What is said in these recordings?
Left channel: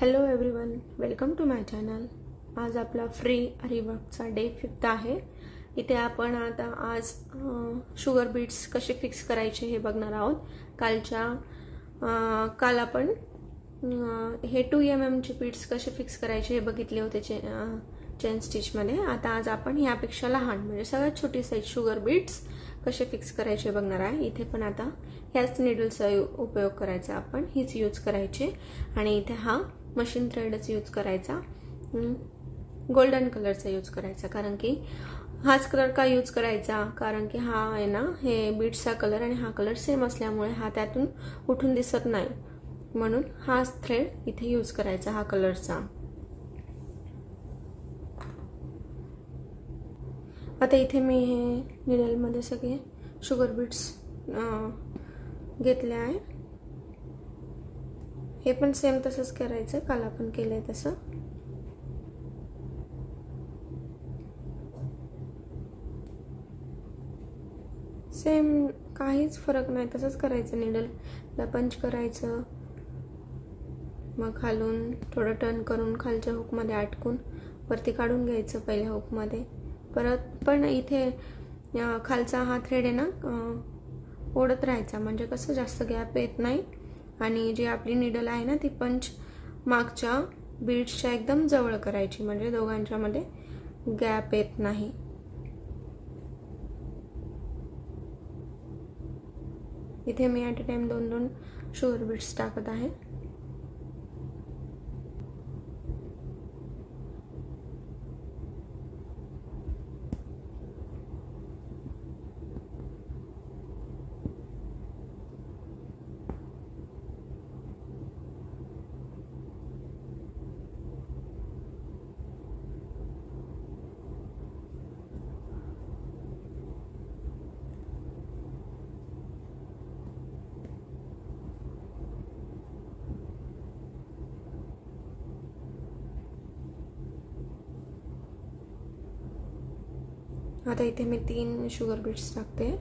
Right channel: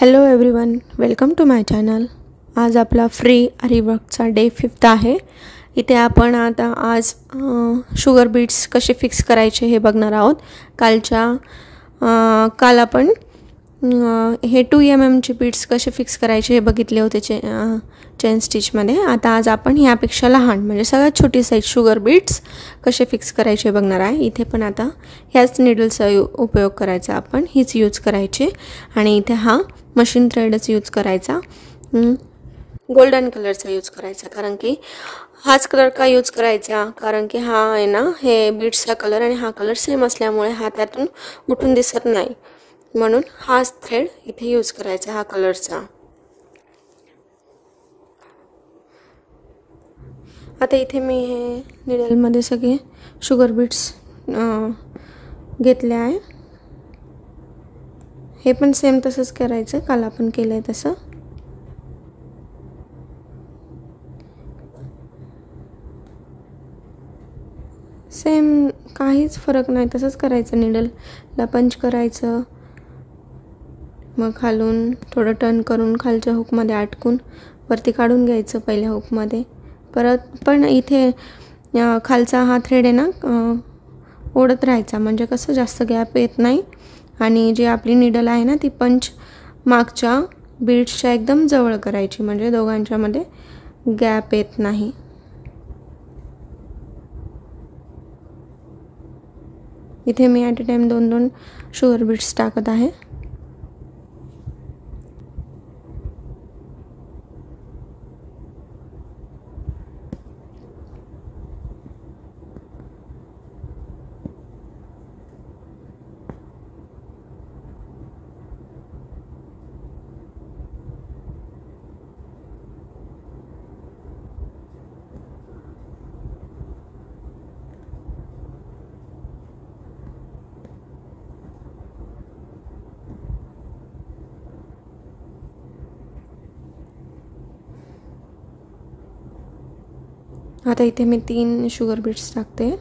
Hello everyone, welcome to my channel. आज आपला free आरीवर्कचा day 5 आहे। इथे आपण आज शुगर बीट्स कसे फिक्स करायचे हे बघणार आहोत। काल आपण हे 2 mm चे बीट्स कसे फिक्स करायचे हे बघितले होते चेन स्टिचमध्ये। आज आपण ह्यापेक्षा लहान म्हणजे सगळ्यात छोटी साईज शुगर बीट्स कसे फिक्स करायचे हे बघणार आहे। इथे पण आता ह्याच नीडलचा उपयोग करायचा, आपण हीच यूज करायची आणि इथे हा मशीन थ्रेडच यूज करायचा, गोल्डन कलरचा यूज करायचा। कारण की हाच कलर का यूज करायचा, कारण की हा आहे ना, हे बीट्सचा कलर आणि हा कलर सेम असल्यामुळे हा त्यातून उठून दिसत नाही, म्हणून हाच थ्रेड इथे यूज करायचा, हा कलरचा। आता इथे मी हे नीडलमध्ये सगळे शुगर बीट्स घेतले आहे। हे पण सेम तसंच करायचं, काल आपण केलंय तसं। सेम काहीच फरक नाही, तसंच करायचं। नीडलला पंच करायचं, मग खालून थोडं टर्न करून खालच्या हुकमध्ये अटकून वरती काढून घ्यायचं पहिल्या हुकमध्ये। परत पण इथे खालचा हा थ्रेड आहे ना, ओढत राहायचा, म्हणजे कसं जास्त गॅप येत नाही आणि जी आपली नीडल आहे ना ती पंच मागच्या बीट्सच्या एकदम जवळ करायची, म्हणजे दोघांच्या मध्ये गॅप येत नाही। इथे मी at a time 2-2 sugar beads टाकत आहे। आता इथे मी 3 शुगर बीट्स टाकते।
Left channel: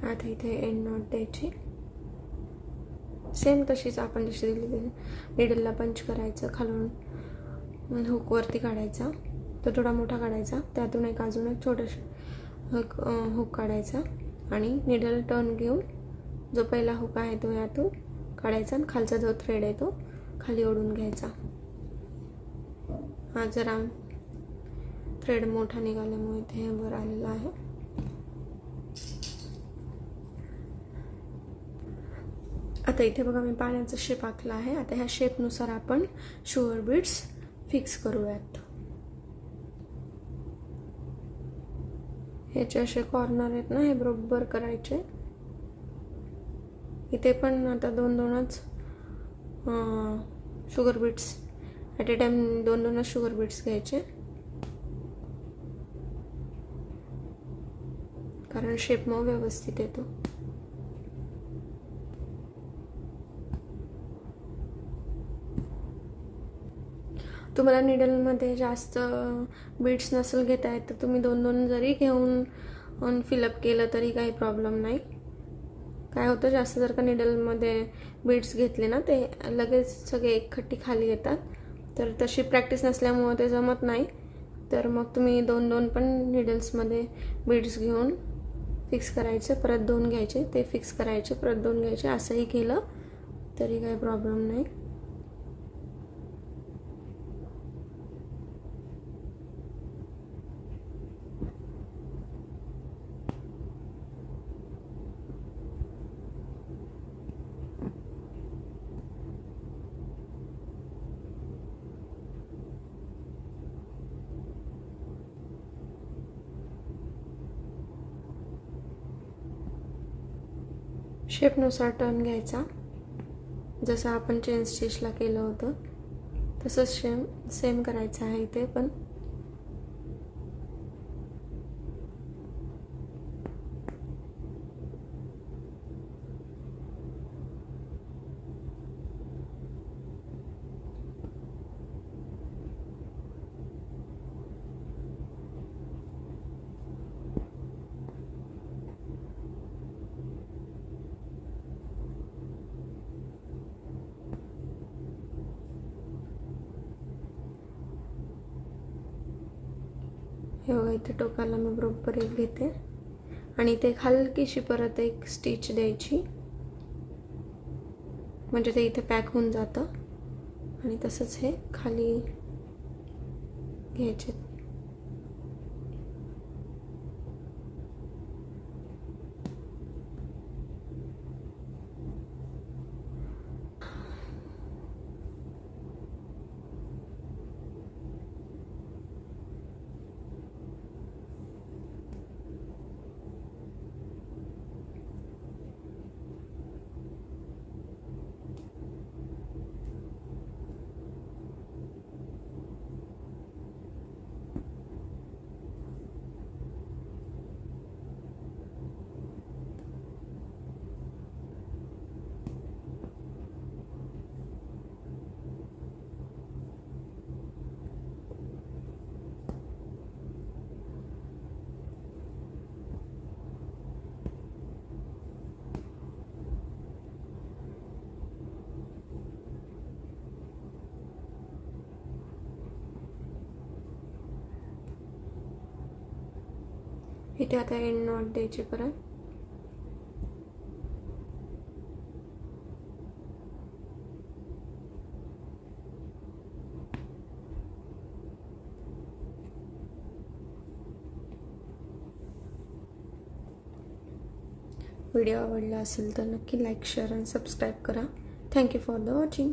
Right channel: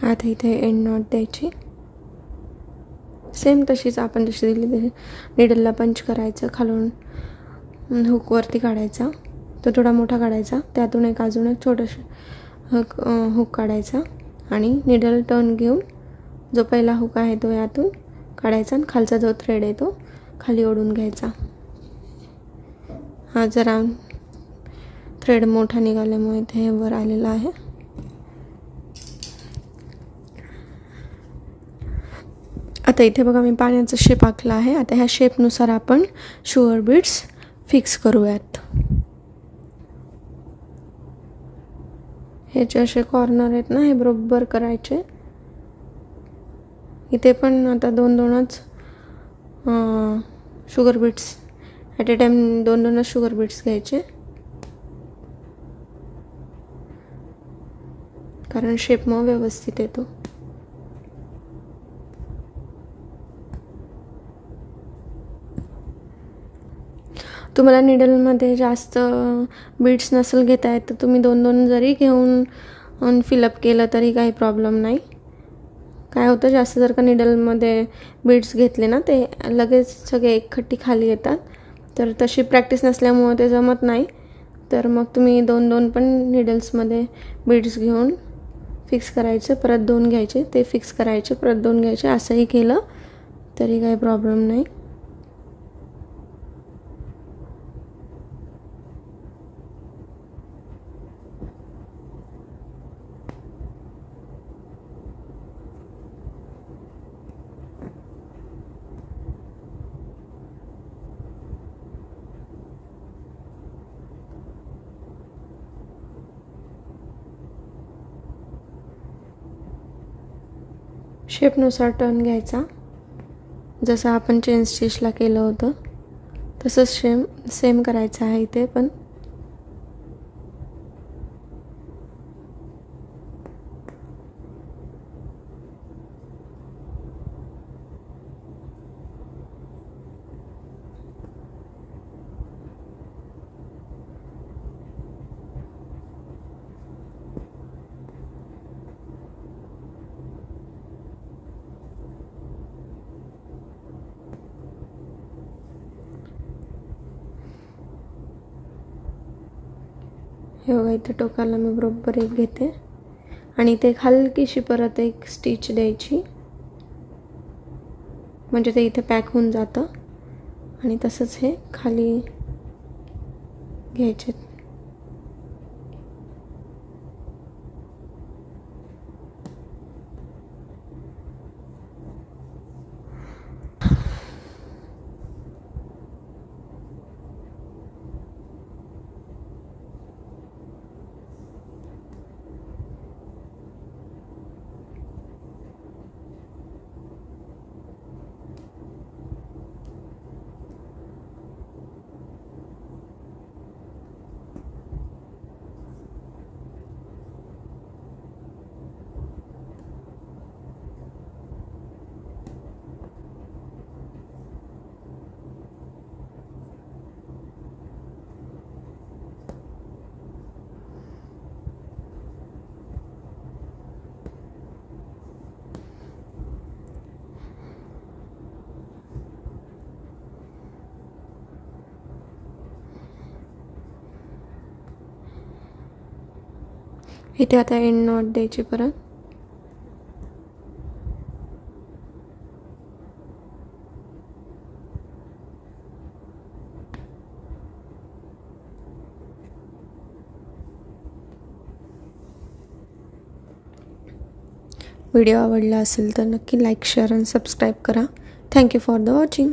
आता इथे एंड नॉट द्यायची, सेम तशीच आपण जशी दिली तशी नीडलला पंच करायचं, खालून हुक वरती काढायचा, तो थोडा मोठा काढायचा, त्यातून अजून एक छोटंसं हुक काढायचा आणि नीडल टर्न घेऊन जो पहिला हुक आहे तो यातून काढायचा आणि खालचा जो थ्रेड आहे तो खाली ओढून घ्यायचा। हा जरा थ्रेड मोठा निघाल्यामुळे इथे वर आलेला आहे। आता इथे बघा मी पाण्याचा शेप आखला आहे। आता ह्या शेपनुसार आपण शुगर बीट्स फिक्स करूयात। हे जे असे कॉर्नर आहेत ना, हे बरोबर करायचे। इथे पण आता 2-2च sugar beads at a time 2-2च शुगर बीट्स घ्यायचे, कारण शेप मग व्यवस्थित येतो। तुम्हाला नीडलमध्ये जास्त बीट्स नसेल घेता येत तर तुम्ही 2-2 जरी घेऊन फिलअप केलं तरी काही प्रॉब्लेम नाही। काय होतं, जास्त जर का नीडलमध्ये बीट्स घेतले ना ते लगेच सगळे एकखट्टी खाली येतात, तर तशी प्रॅक्टिस नसल्यामुळे ते जमत नाही। तर मग तुम्ही 2-2 पण नीडल्समध्ये बीट्स घेऊन फिक्स करायचे, परत 2 घ्यायचे, ते फिक्स करायचे, परत 2 घ्यायचे, असंही केलं तरी काही प्रॉब्लेम नाही। शेपनुसार टर्न घ्यायचा, जसं आपण चेन स्टिचला केलं होतं तसंच सेम करायचं आहे इथे पण. हे बघा, इथे टोकाला मी बरोबर एक घेते आणि इथे हलकीशी परत एक स्टिच द्यायची, म्हणजे ते इथे पॅक होऊन जातं. आणि तसंच हे खाली घ्यायचे. इथे आता एंड नॉट द्यायची परत. व्हिडिओ आवडला असेल तर नक्की लाईक, शेअर आणि सबस्क्राईब करा. Thank you for the watching.